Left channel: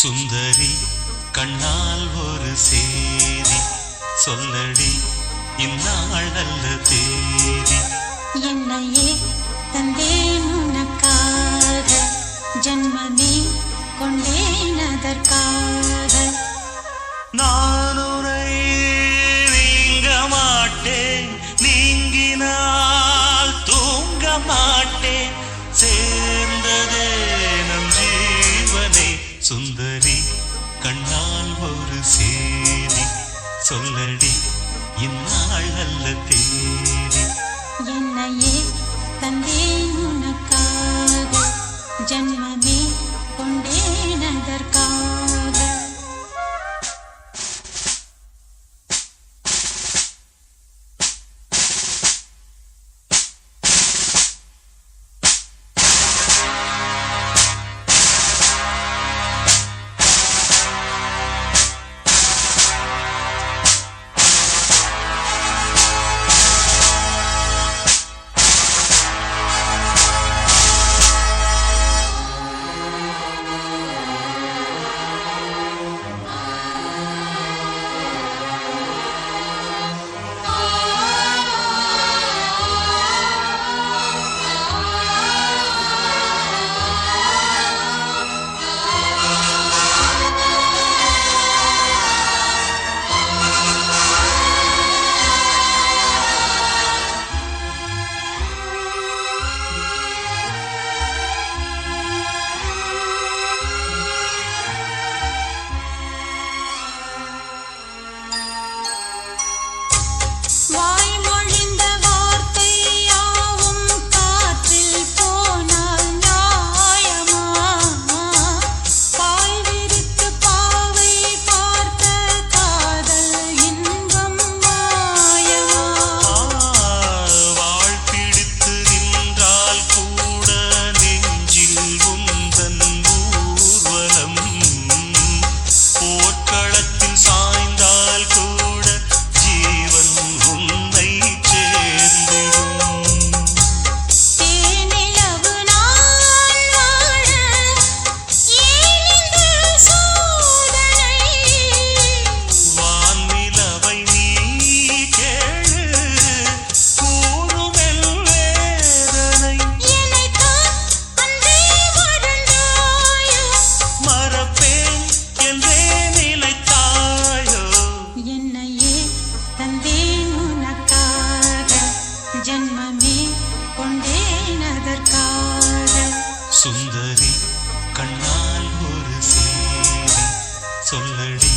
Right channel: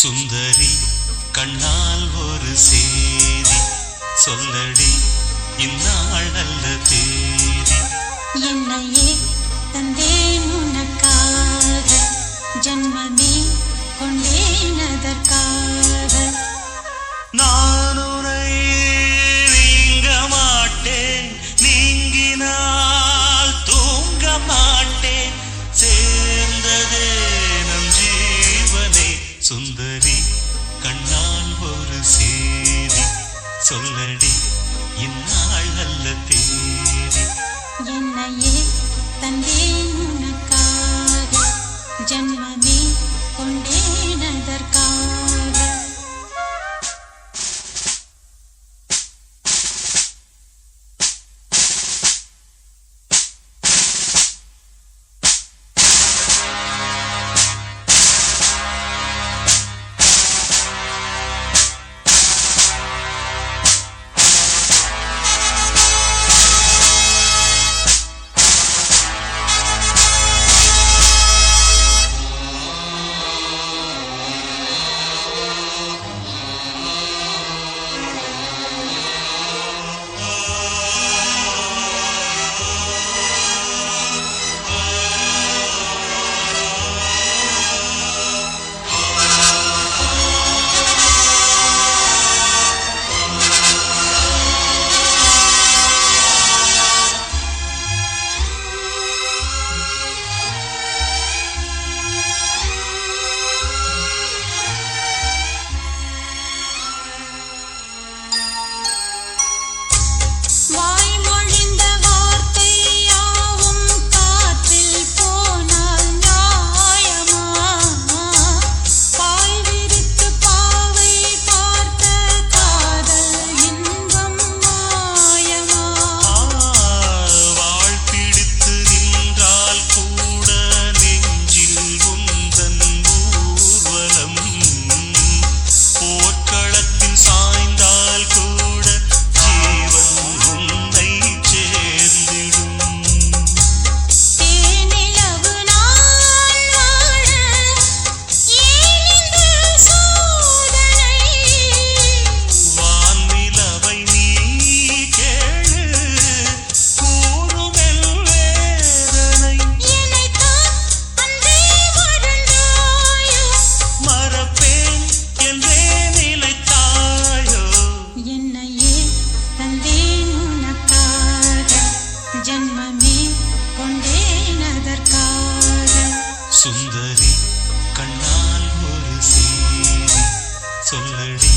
சுந்தரி கண்ணால் ஒரு சேதி சொல்லடி இந்நாள் நல்ல தேதி. என்னையே தந்தேன் உனக்காக, ஜன்மமே கொண்டேன் அதற்காக. நான் உன்னை நீங்க மாட்டேன், நீங்கினால் தூங்க மாட்டேன், சேர்ந்ததே நம் ஜீவனே. சுந்தரி கண்ணால் ஒரு சேதி சொல்லடி இந்நாள் நல்ல தேதி. என்னையே தந்தேன் உனக்காக, ஜன்மமே கொண்டேன் அதற்காக. ஜன்மமே கொண்டேன் அதற்காக. சுந்தரி கண்ணால் ஒரு சேதி சொல்லடி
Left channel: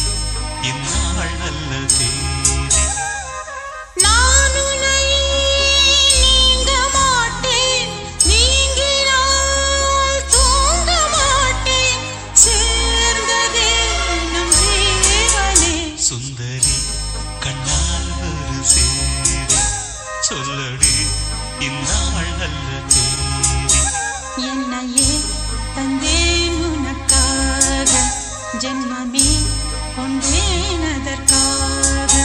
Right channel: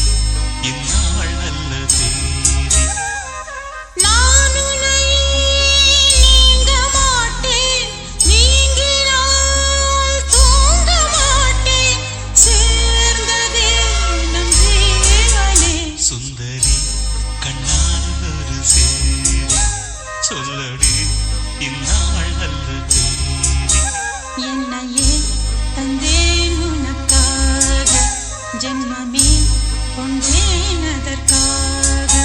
இந்நாள் நல்ல தேதி. நான் உன்னை நீங்க மாட்டேன், நீங்கினால் தூங்க மாட்டேன், சேர்ந்ததே நம் ஜீவனே. சுந்தரி கண்ணால் ஒரு சேதி சொல்லடி இந்நாள் நல்ல தேதி. என்னையே தந்தேன் உனக்காக, ஜன்மமே கொண்டேன் அதற்காக.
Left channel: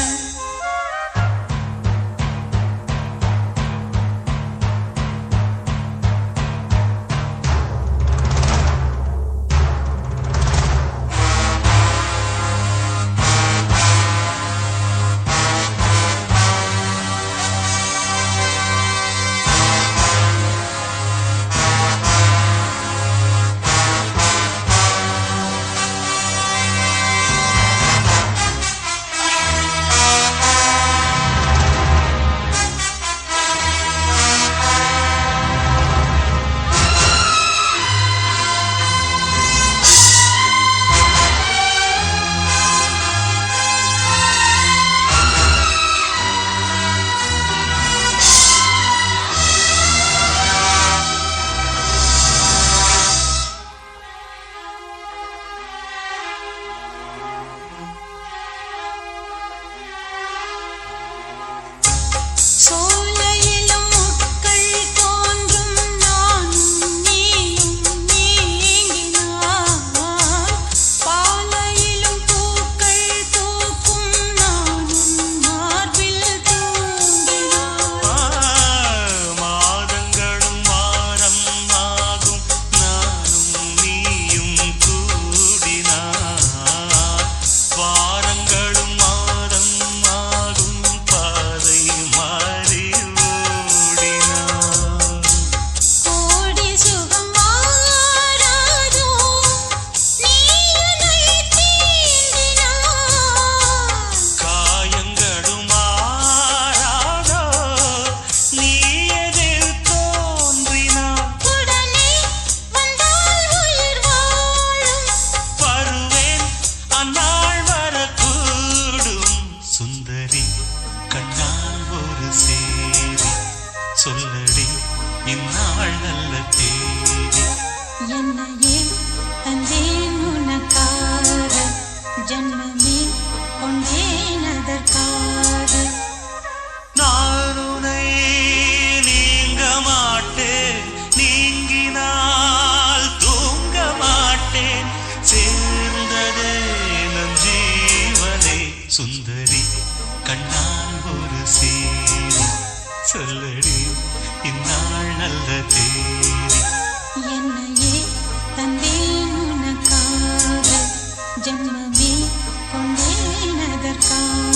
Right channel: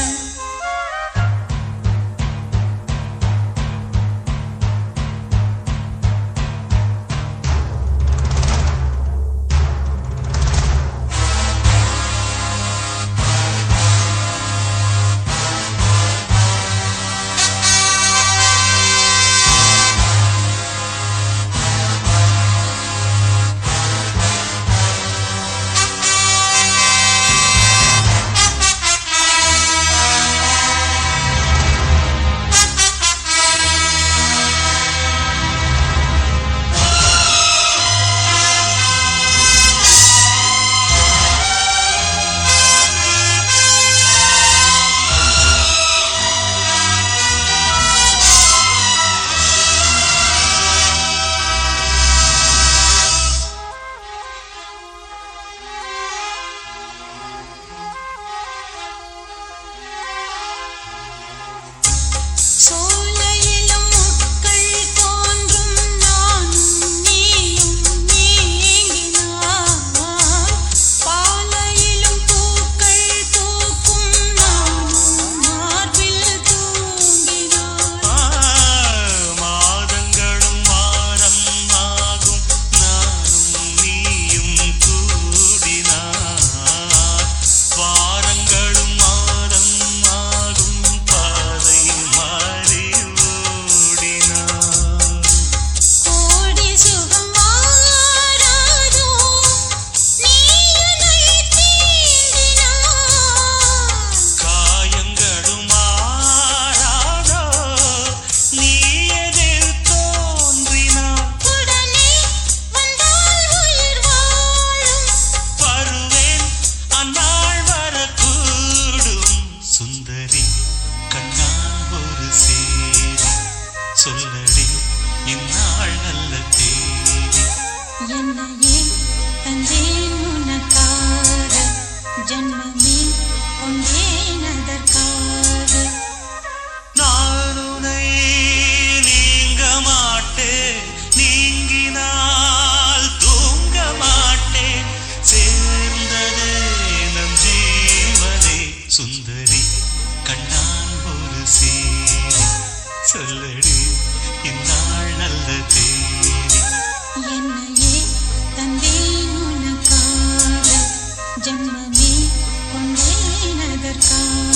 சுந்தரி கண்ணால் ஒரு சேரி சொல்லடி இந்நாள் நல்ல தேதி என்னையே தந்தேன் உனக்காக ஜென்மமே கொண்டேன் அதற்காக